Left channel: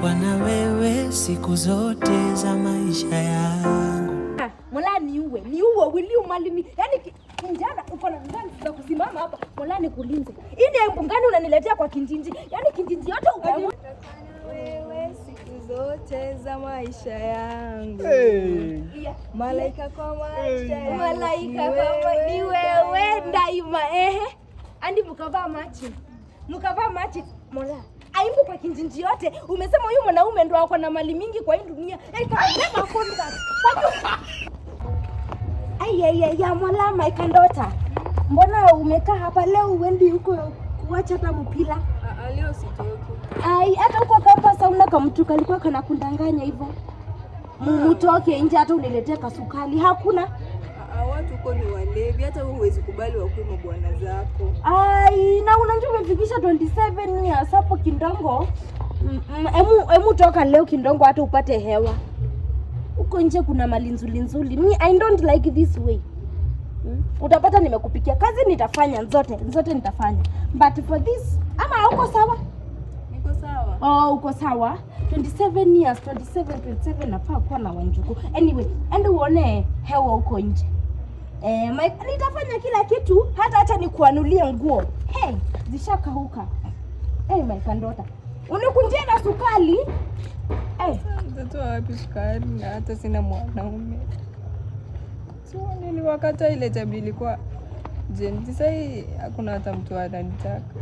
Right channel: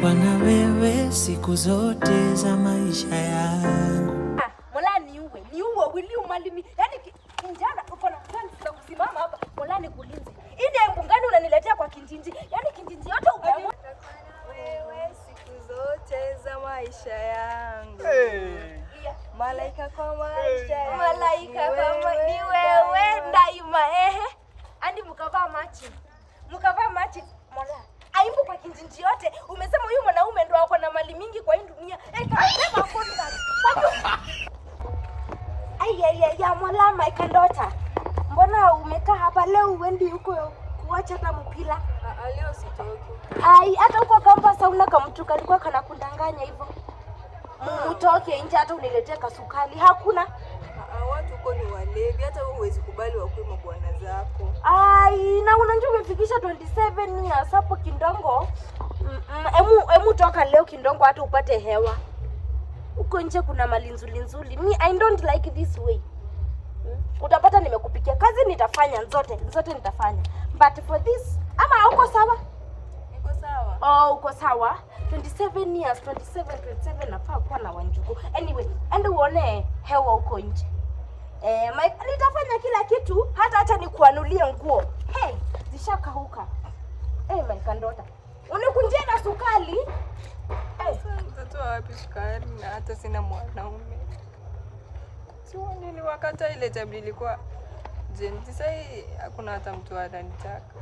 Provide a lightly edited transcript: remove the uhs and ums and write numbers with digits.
kwa na wewe siku zote za maisha yangu. Mola niue wili umalimi. Yaani kinjana uko na ngani za kusimama hapa. Mola nikulinze. Hii ni ngani unaniletea kwa kinjinji? Yaani kinjinji yote uko wewe siku zote za maisha yangu. Malaika kwa maisha. Malaika kwa ni wewe daima Andi mkavaa machi. Mola aimbu kwa kinjinji yote. Umesema huyu mwanaume ndo ako na mali mingi kwa hii dunia. Ya Mola my kandota. Mbona umekaa hapa leo uendi huko kuacha hata mpira? Leo sitoki. Hata huko campus hauna kamtu kalikuwa kanakundanganya hivyo. Mtoke nje hata uniletee kasukali. Hakuna. Watu huko ni walevi, hata huwezi kubali wakuwe bwana zako. Na unajua umefikisha 27 years hapo Kindongo. Emu toka leo Kindongo hata upate hewa. Huko nje kuna mali nzuri. Me I don't like this way. Utapata nimekupikia kazi nitafanya zote nitafanya. But for this ama uko sawa? Niko sawa. Uko sawa. 27 years, 27 nafaa kuwa na Wanjuku. Anyway, ende uone hewa huko nje. Nitafanya kila kitu, hata nikuanulie nguo. Zishakauka. My kandota. Unikunjie na sukali. Mtoto wapi sukari na hata sina mwanaume. Niliwakata ile tabia ilikuwa Jen. Sasa hii hakuna hata mtu ananitaka.